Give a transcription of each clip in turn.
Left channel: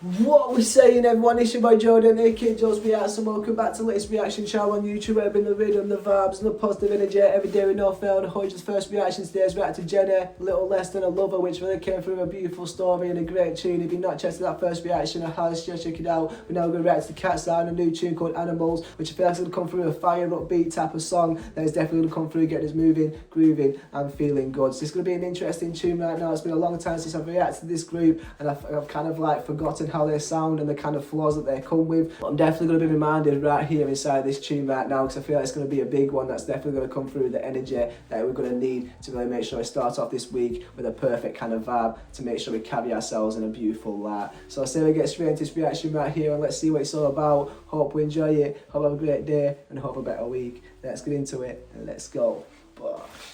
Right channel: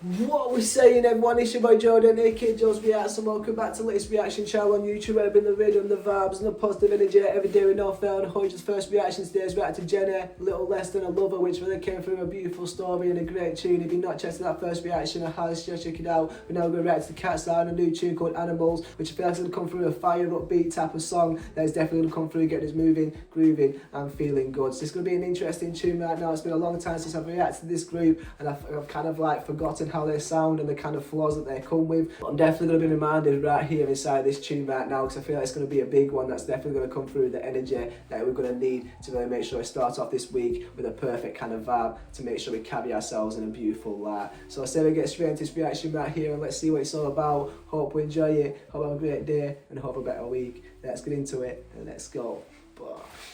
What we're saying, everyone, it's your boy Jordan, aka Joe's Reacts, and welcome back to the latest reaction channel on YouTube, where I bring the rhythm, the vibes, and the positive energy every day with no fail. And Hodge's first reaction today is react to Jenny, Little Less Than a Lover, which really came through a beautiful story and a great tune. If you've not checked out that first reaction, I highly suggest check it out. We're now going to react to KATSEYE and a new tune called Animals, which I feel like is going to come through a fire upbeat type of song that is definitely going to come through, getting us moving, grooving, and feeling good. So it's going to be an interesting tune right now. It's been a long time since I've reacted to this group, and I've kind of like forgotten how they sound and the kind of flaws that they come with. But I'm definitely going to be reminded right here inside this tune right now, because I feel like it's going to be a big one that's definitely going to come through the energy that we're going to need to really make sure we start off this week with a perfect kind of vibe to make sure we carry ourselves in a beautiful light. So I say we get straight into this reaction right here, and let's see what it's all about. Hope we enjoy it, hope have a great day, and hope a better week. Let's get into it and let's go.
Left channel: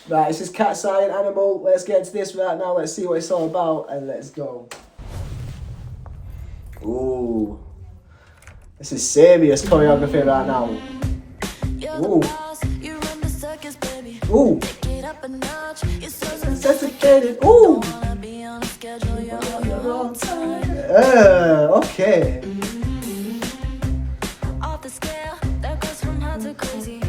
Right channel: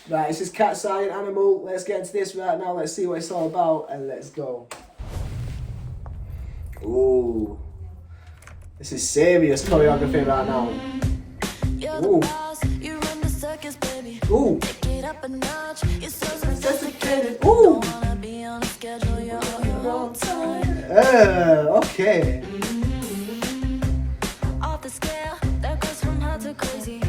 Right, this is KATSEYE and Animal. Let's get into this right now. Let's see what it's all about and let's go. Ooh, this is serious choreography right now. Ooh. Ooh. Sophisticated. Ooh. Okay. Off the scale, that goes from hot to crazy.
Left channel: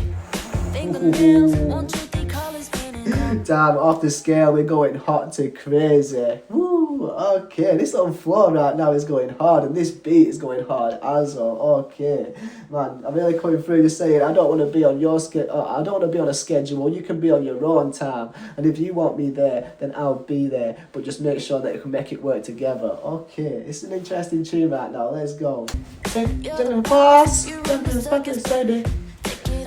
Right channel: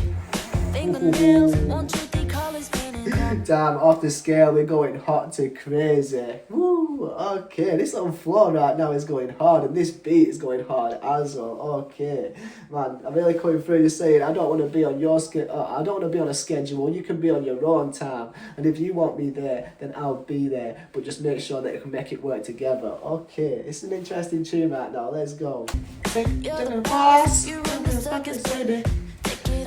Fingernails, won't you think colors painting? Damn, off the scale, we're going hot to crazy. Woo, okay, this on floor right now is going hard, and this beat is going hard as well. Okay, man, I'm really coming through just saying I don't want to be on your I don't want to be on a schedule. You can be on your own time, and if you want me there, then I'll be there. But just make sure that you can make it work together. Okay, it's an interesting tune right now. Let's go. You're the boss, you're in the circus, baby.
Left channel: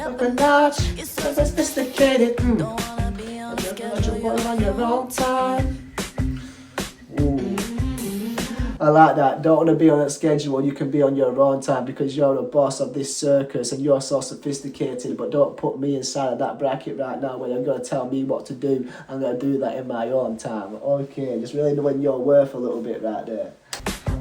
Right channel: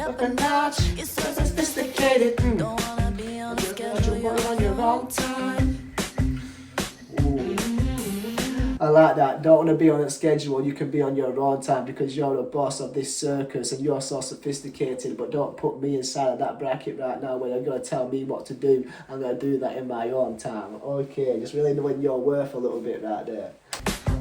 Up a notch, you're so sophisticated. Don't wanna be on a schedule, you're on your own time. Ooh. I like that. Don't want to be on a schedule, you can be on your own time, because you're the boss of this circus and you're so sophisticated. But don't put me inside of that bracket right now where you're going to tell me what to do. I'm going to do that in my own time. Okay, just really knowing your worth a little bit right there.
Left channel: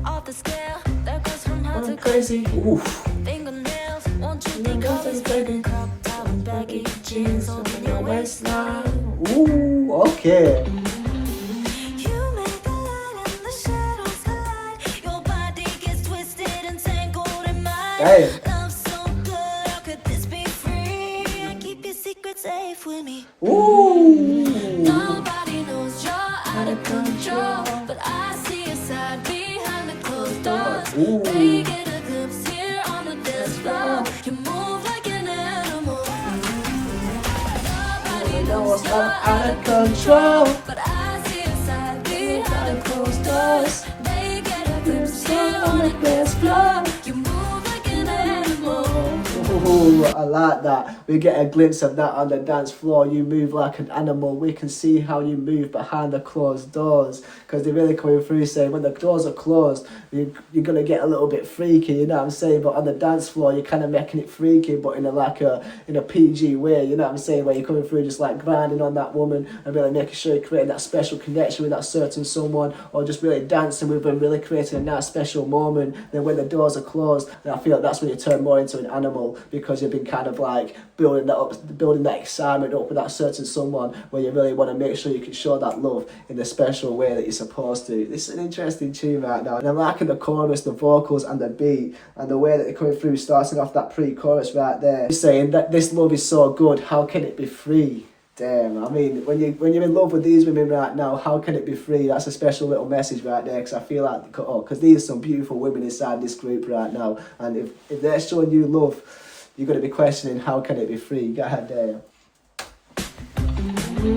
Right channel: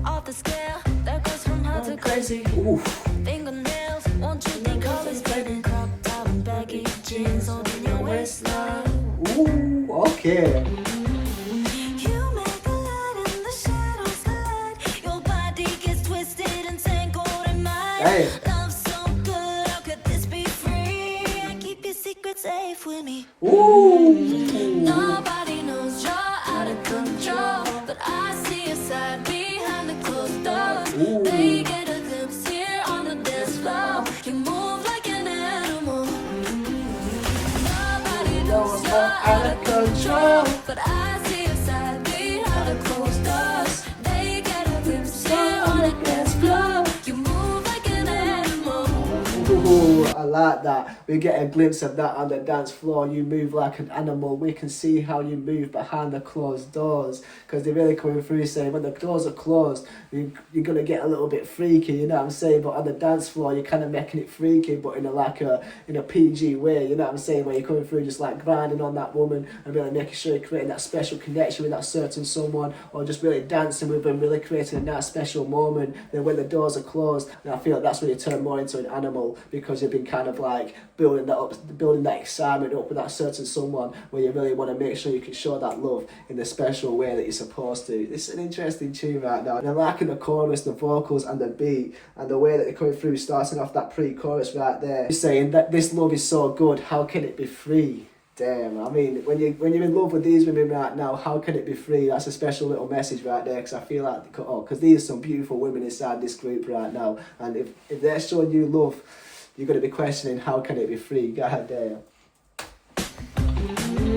Off the scale, that goes from hot to crazy. Oof. Fingernails, won't you think colors baby? Crop top and baggy jeans holding your waistline. Ooh, okay. You make a light and the shadows collide. Your body gets twisted and tangled in mine. Hey. Love so good, how could this be free? I keep your secret safe with me. Ooh. Nobody knows you're out of control, but I see your side behind the closed doors. Ooh. They get a glimpse here on the dance floor. You move like an animal. Nobody knows you're out of control, but I see your side behind the closed doors. They get a glimpse here on the dance floor. You move like an animal. Ooh, I like that. We get a glimpse of that on the dance floor. You move like an animal. We can see how you move behind the closed doors, because they're really coming through saying when the doors are closed, you're going to get a little bit freaky, you know what I'm saying? But on the dance floor, you're kind of making it freaky, but in a PG way, you know what I'm saying? Where you're coming through just like grinding on that woman and really making sure you're creating that special connection with that certain someone, or just really dancing with them, really creating a nice special moment. Then when the doors are closed, and I feel like that's when you turn more into an animal, because you've been kind of like building that up, building that excitement up with that certain someone, where you really want to make sure you can show that love in the special way that you're supposed to. This is an interesting tune right now, and I'm liking the chorus, the vocals, and the beat, and the way that they're coming through, starting off that pre-chorus right there. He's saying that this love is so good, how can it be free? Damn, I mean, when you're in love with these women right now, how can it be free? That's a special little message right there, because I feel like, because these are some beautiful women inside this group right now, and if they're showing you love, you're going to be questioning, how can it be free? God damn. You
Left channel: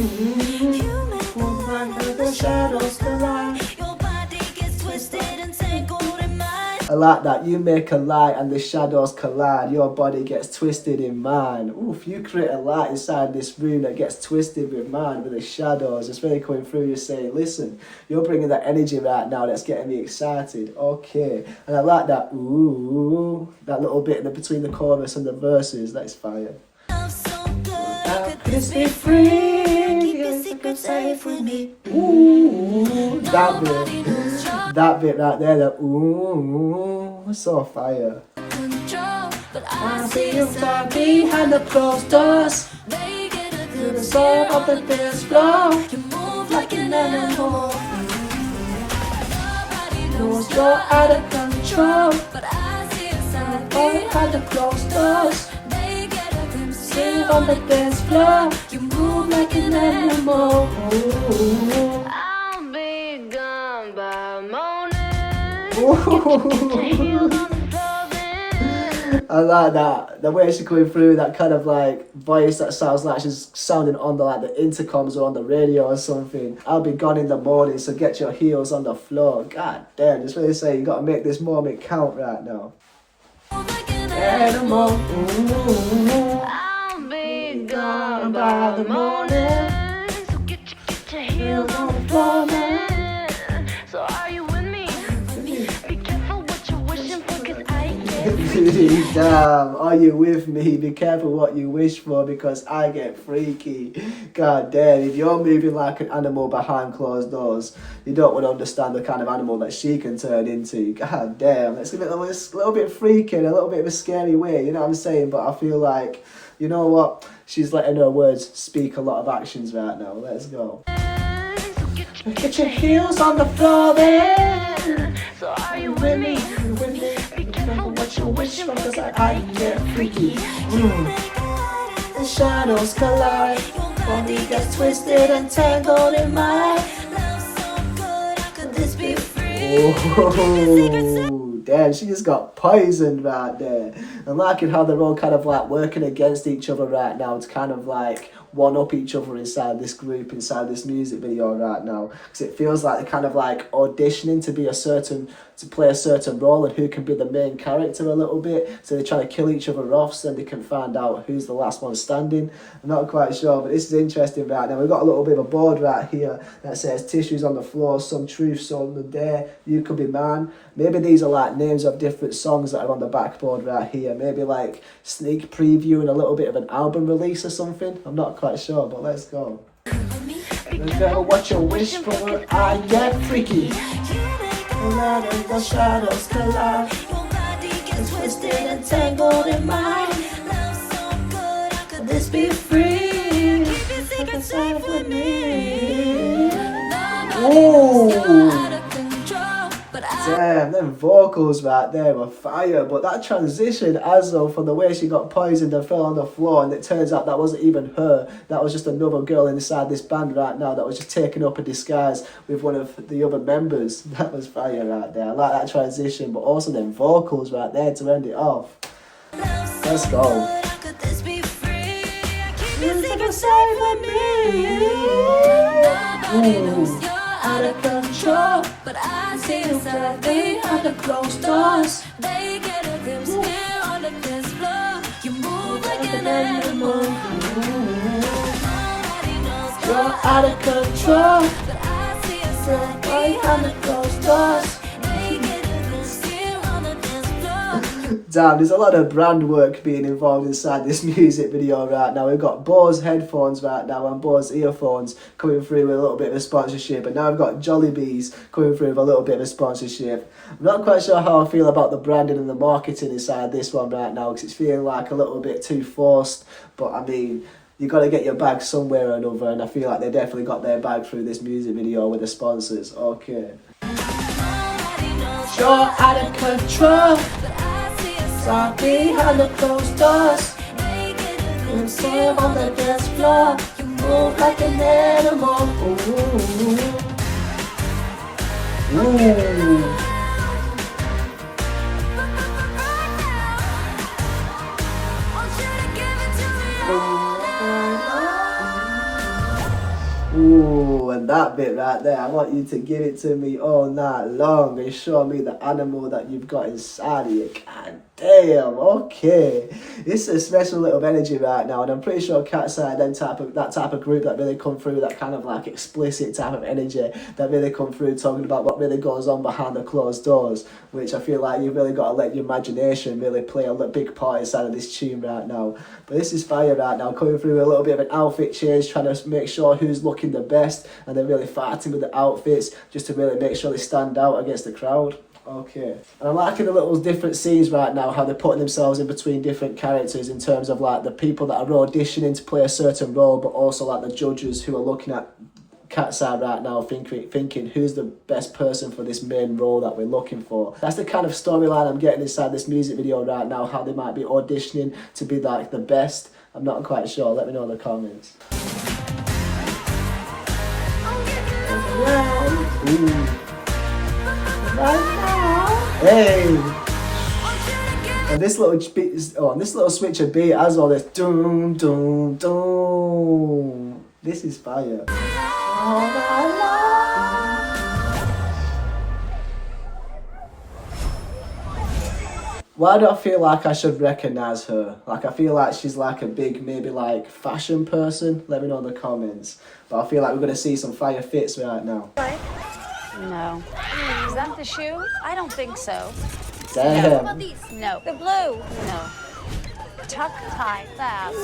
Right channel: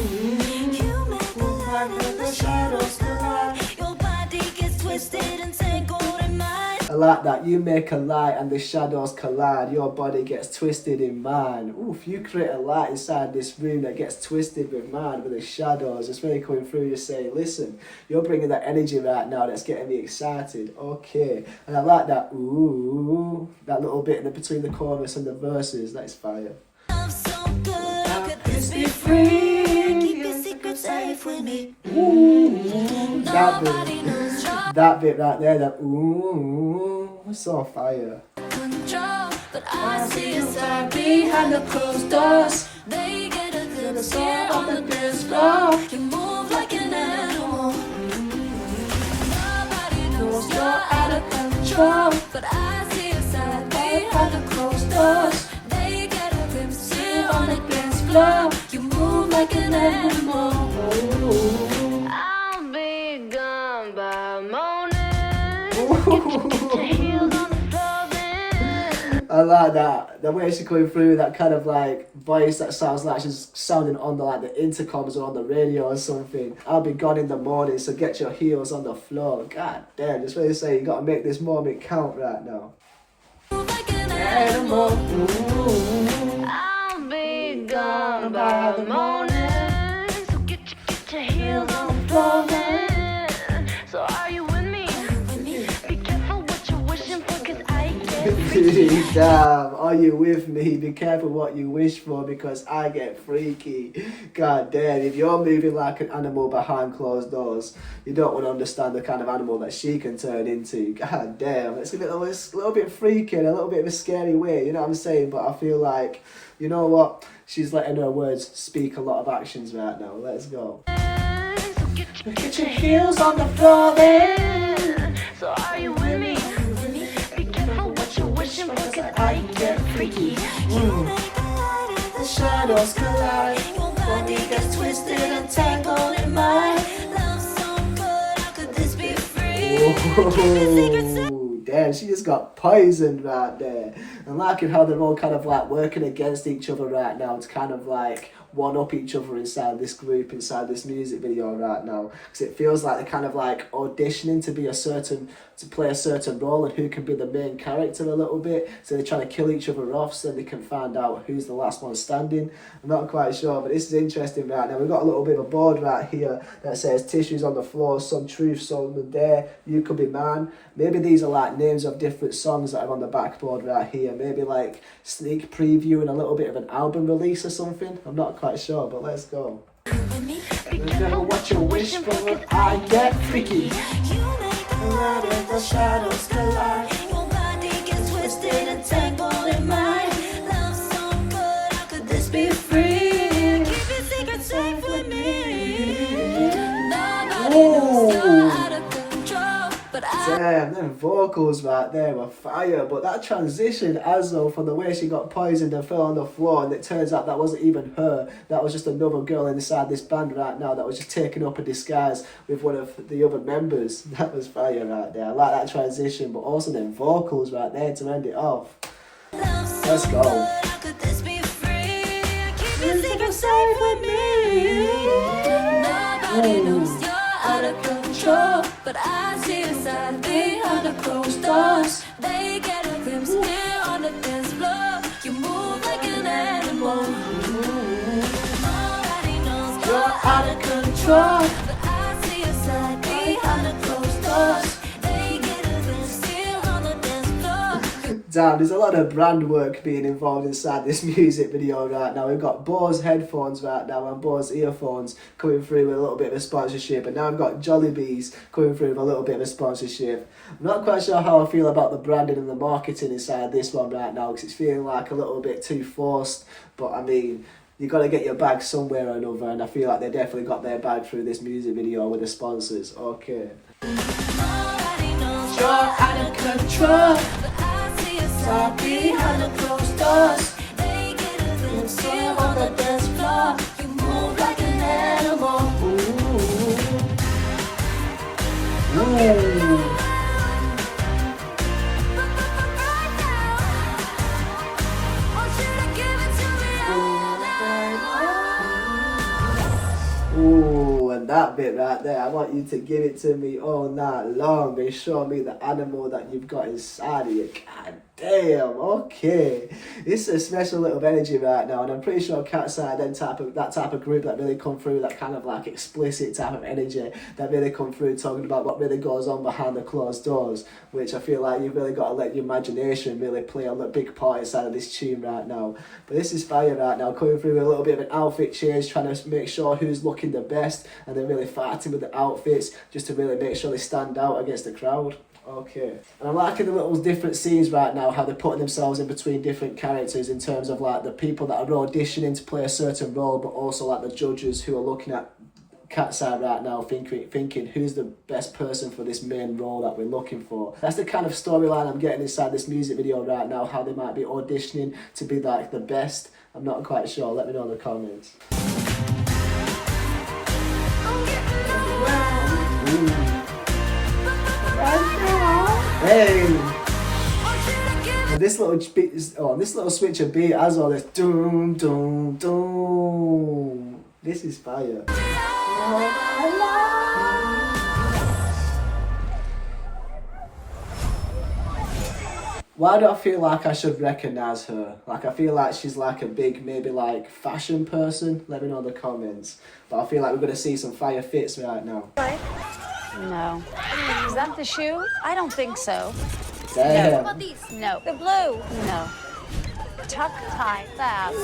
make the light and the shadows collide. Your body gets twisted and tangled in mine. I like that. You make a light and the shadows collide. Your body gets twisted in mine. Oof, you create a light inside this room that gets twisted with mine, with the shadows. It's really coming through. You're saying, listen, you're bringing that energy right now that's getting me excited. Okay. And I like that. Ooh, that little bit in between the chorus and the verses. That's fire. I'm so good. How could this be free? Keep your secrets safe with me. Ooh, that bit right there, that ooh, so fire. Control, but I see you side behind the closed doors. They get a glimpse here on the dance floor. You move like an animal. Nobody knows you're out of control. control, but I see a side behind the closed doors. They get a glimpse on the dance floor. You move like an animal. I'll be gone by morning. Get your heels on the floor then. I like that. The way she's going through that kind of like voice that sounds like she's sounding on the like the intercoms or on the radio or something. I'll be gone in the morning, so get your heels on the floor. God damn, just really say you gotta make this moment count right now. Animal. I'll be gone by morning, so get your heels on the floor then. So are you with me? Be careful what you're wishing for, cause I get freaky. Damn, are you with me? Be careful what you wish for, because I get freaky. God damn, if you're moving like an animal behind closed doors, you don't want to understand the kind of animal that she can turn into. God damn, let's give it a little bit freaky in a little bit of a scary way, you know what I'm saying? But I feel like, you know what? She's letting her words speak a lot of actions right now. Let's go. So get your heels on the floor then. So are you with me? Be careful what you're wishing for, cause I get freaky. The shadows collide. Your body gets twisted and tangled in mine. Love so good, how could this be free? Ooh, damn, she just got poisoned right there. I'm liking how they're all kind of like working against each other right now to kind of like one up each other inside this group, inside this music video right now, because it feels like they're kind of like auditioning to play a certain role and who can be the main character a little bit. So they're trying to kill each other off so they can find out who's the last one standing. I'm not quite sure, but this is interesting right now. We've got a little bit of a board right here that says tissues on the floor, some truth, some the dare, you could be man. Maybe these are like names of different songs that are on the backboard right here. Maybe like sneak preview and a little bit of an album release or something. I'm not quite sure, but let's go. Remember what you wish for, I get freaky. The shadows collide. Your body gets twisted and tangled in mine. Love so good, how could this be free? Keep your secret safe with me. Nobody knows you're out of control, but damn, them vocals right there were fire. But that transition, as though from the way she got poisoned and fell on the floor, and it turns out that wasn't even her. That was just another girl inside this band right now that was just taking up a disguise with one of the other members. That was fire right there. I like that transition, but also them vocals right there to end it off. Let's go. Nobody knows you're out of control, but I see the side behind the closed doors. They get a glimpse here on the dance floor. You move like an animal. Nobody knows you're out of control, but I see a side behind the closed doors. They get a glimpse here on the dance floor. Damn, there's a lot of brand work being involved inside this music video right now. We've got Bose headphones right now and Bose earphones coming through with a little bit of a sponsorship, and now I've got Jollibees coming through with a little bit of a sponsorship. I'm not quite sure how I feel about the branding and the marketing inside this one right now, because it's feeling like a little bit too forced, but I mean, you got to get your bag somewhere or another, and I feel like they definitely got their bag through this music video with the sponsors. Okay. You're out of control, stop behind the closed doors. They get a glimpse here on the dance floor. You move like an animal. Ooh. Ooh. Ooh, and that bit right there, I want you to give it to me all night long and show me the animal that you've got inside of you. God damn, okay. It's a special little energy right now, and I'm pretty sure KATSEYE, that type of group that really come through, that kind of like explicit type of energy that really come through talking about what really goes on behind the closed doors, which I feel like you've really got to let your imagination really play a big part inside of this tune right now. But this is fire right now, coming through with a little bit of an outfit change, trying to make sure who's looking the best, and then really fighting with the outfits just to really make sure they stand out against the crowd. Okay, and I'm liking the little different scenes right now, how they're putting themselves in between different characters in terms of like the people that are auditioning to play a certain role, but also like the judges who are looking at KATSEYE right now thinking who's the best person for this main role that we're looking for. That's the kind of storyline I'm getting inside this music video right now, how they might be auditioning to be like the best. I'm not quite sure. Let me know in the comments. Hey! And this little beat is, this little switch of beat has all this doom doom doom. This is fire. Why do I feel like I should recognise her? Like, I feel like she's like a big, maybe like fashion person. Let me know in the comments. But I feel like we're going to see some fire fits right now. No. Is that the shoe? I don't think so. Damn. No. What about these? No. The blue? No. Tuck, tie, fab.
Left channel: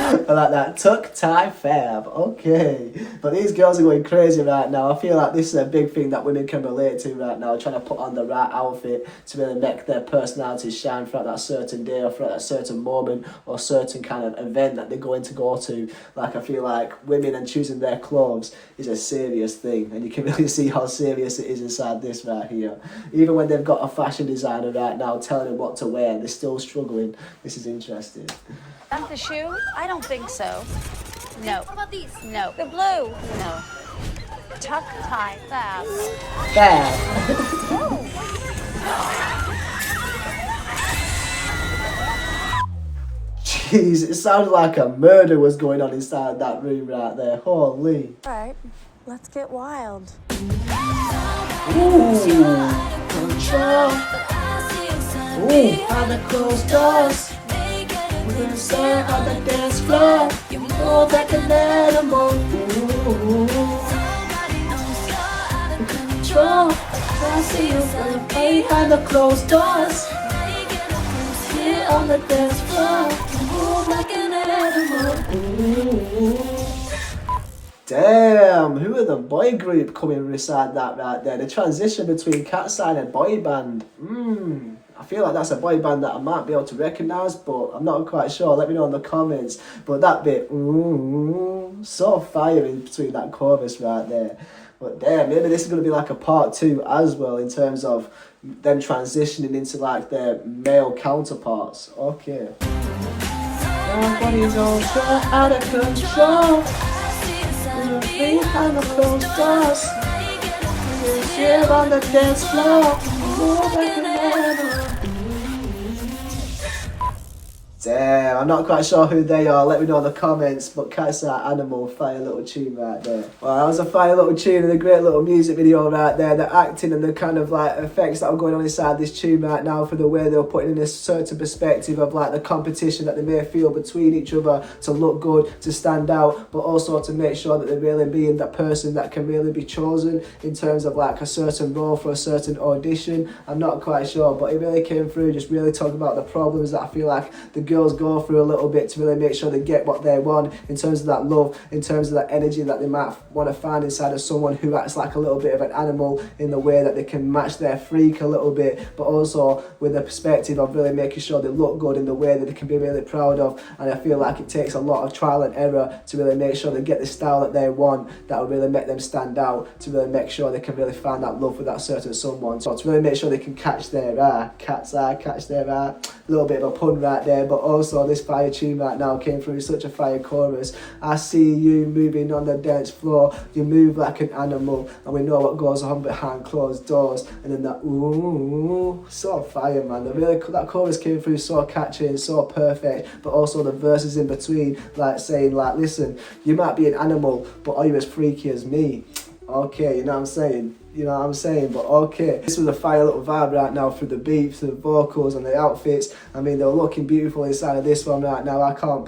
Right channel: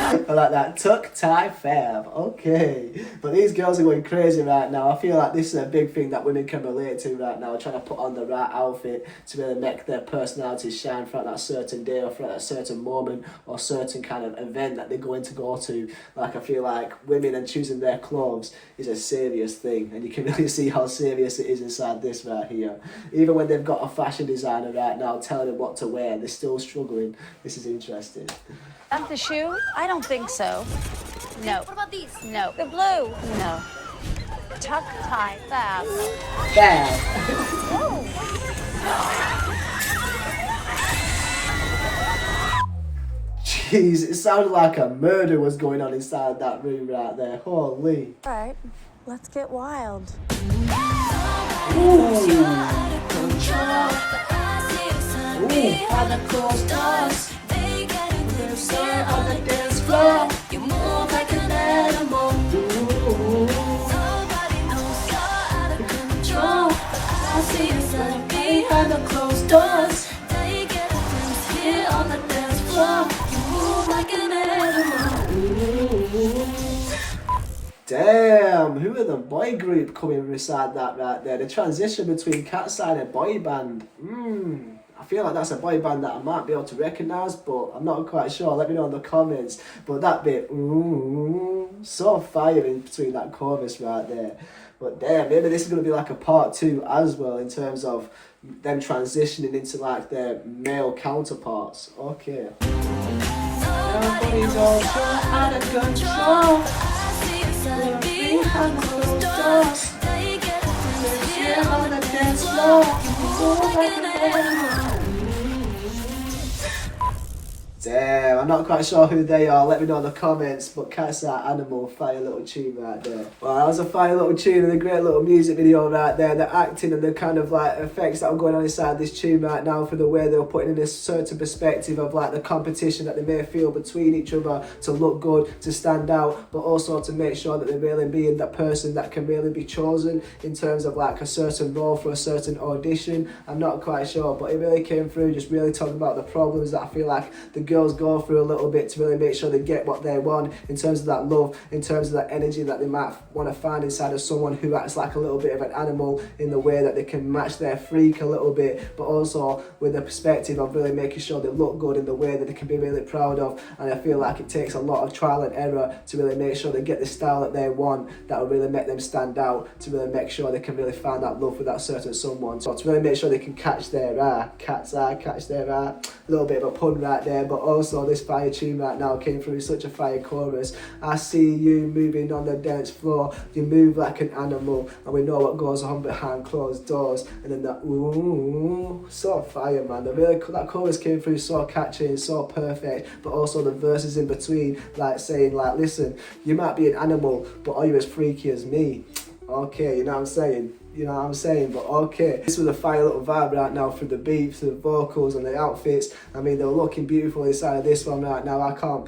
I like that. Tuck, tie, fab. Okay. But these girls are going crazy right now. I feel like this is a big thing that women can relate to right now. Trying to put on the right outfit to really make their personalities shine throughout that certain day or throughout that certain moment or certain kind of event that they're going to go to. Like, I feel like women and choosing their clothes is a serious thing. And you can really see how serious it is inside this right here. Even when they've got a fashion designer right now telling them what to wear, they're still struggling. This is interesting. That the shoe? I don't think so. No. What about these? No. The blue? No. Tuck, tie, fab. Fab. Jeez, it sounded like a murder was going on inside that room right there. Holy. All right, let's get wild. Ooh. Behind the closed doors. We're sitting on the dance floor. You move like an animal. Somebody knows you're out of control. I see you behind the closed doors. They get a glimpse here on the dance floor. You move like an animal. Damn, who are the boy group coming beside that right there? The transition between KATSEYE and a boy band. I feel like that's a boy band that I might be able to recognise, but I'm not quite sure. Let me know in the comments. But that bit, so fire in between that chorus right there. But damn, maybe this is going to be like a part 2 as well in terms of them transitioning into like their male counterparts. Okay. Everybody's all out of control. Behind the closed doors. Here on the dance floor. Move like an animal. Damn, I'm not quite sure who they are. Let me know in the comments. But KATSEYE Animal, fire little tune right there. Well, that was a fire little tune and a great little music video right there. The acting and the kind of like effects that are going on inside this tune right now for the way they're putting in a certain perspective of like the competition that they may feel between each other to look good, to stand out, but also to make sure that they're really being that person that can really be chosen in terms of like a certain role for a certain audition. I'm not quite sure, but it really came through just really talking about the problems that I feel like the girls go through a little bit to really make sure they get what they want in terms of that love, in terms of that energy that they might want to find inside of someone who acts like a little bit of an animal in the way that they can match their freak a little bit, but also with the perspective of really making sure they look good in the way that they can be really proud of. And I feel like it takes a lot of trial and error to really make sure they get the style that they want that will really make them stand out, to really make sure they can really find that love with that certain someone. So to really make sure they can catch their eye, catch their eye. A little bit of a pun right there, but also this fire tune right now came through such a fire chorus. I see you moving on the dance floor, you move like an animal, and we know what goes on behind closed doors. And then that ooh, so fire, man. That chorus came through so catchy and so perfect, but also the verses in between, like saying like, listen, you might be an animal, but are you as freaky as me? Okay, you know what I'm saying? You know what I'm saying? But okay, this was a fire little vibe right now through the beat, through the vocals and the outfits. I mean, they were looking beautiful inside of this one right now. I can't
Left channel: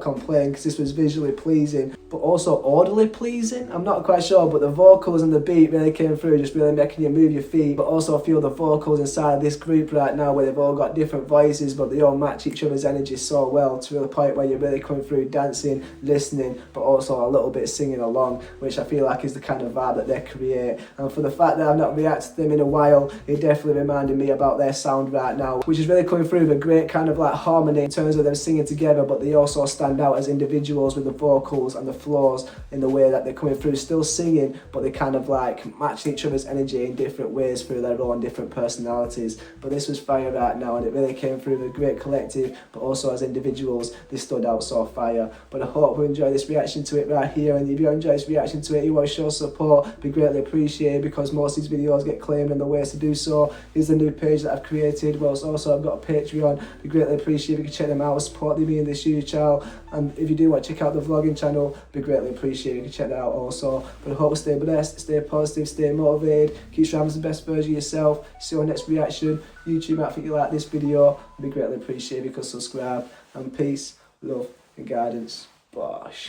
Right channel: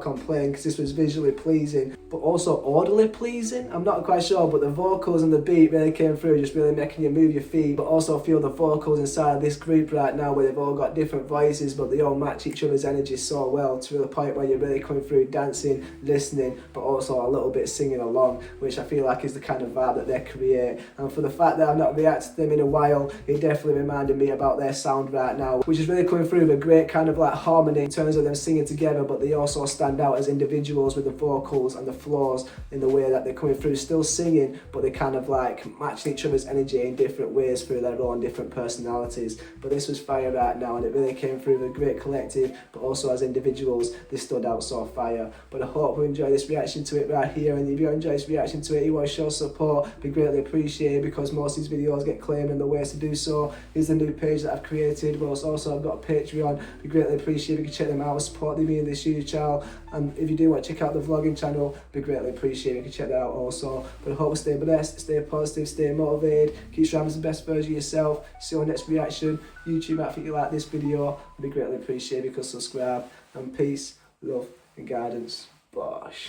complain because this was visually pleasing, but also audibly pleasing. I'm not quite sure, but the vocals and the beat really came through, just really making you move your feet. But also feel the vocals inside of this group right now, where they've all got different voices, but they all match each other's energy so well to the point where you're really coming through dancing, listening, but also a little bit singing along, which I feel like is the kind of vibe that they create. and for the fact that I've not reacted to them in a while, it definitely reminded me about their sound right now, which is really coming through with a great kind of like harmony in terms of them singing together, but they also stand out as individuals with the vocals and the flows in the way that they're coming through, still singing, but they kind of like matching each other's energy in different ways through their own different personalities. But this was fire right now, and it really came through with a great collective, but also as individuals, they stood out so fire. But I hope you enjoy this reaction to it right here, and if you enjoy this reaction to it, you want to show support, be greatly appreciated, because most of these videos get claimed, and the ways to do so is the new page that I've created. Whilst also I've got a Patreon, be greatly appreciated if you can check them out, supporting me in this YouTube channel. And if you do want to check out the vlogging channel, be greatly appreciated if you can check that out also. But I hope you stay blessed, stay positive, stay motivated, keep striving as the best version of yourself. See you on the next reaction. YouTube might think you like this video, I'd be greatly appreciated because subscribe. And peace, love and guidance. Bosh.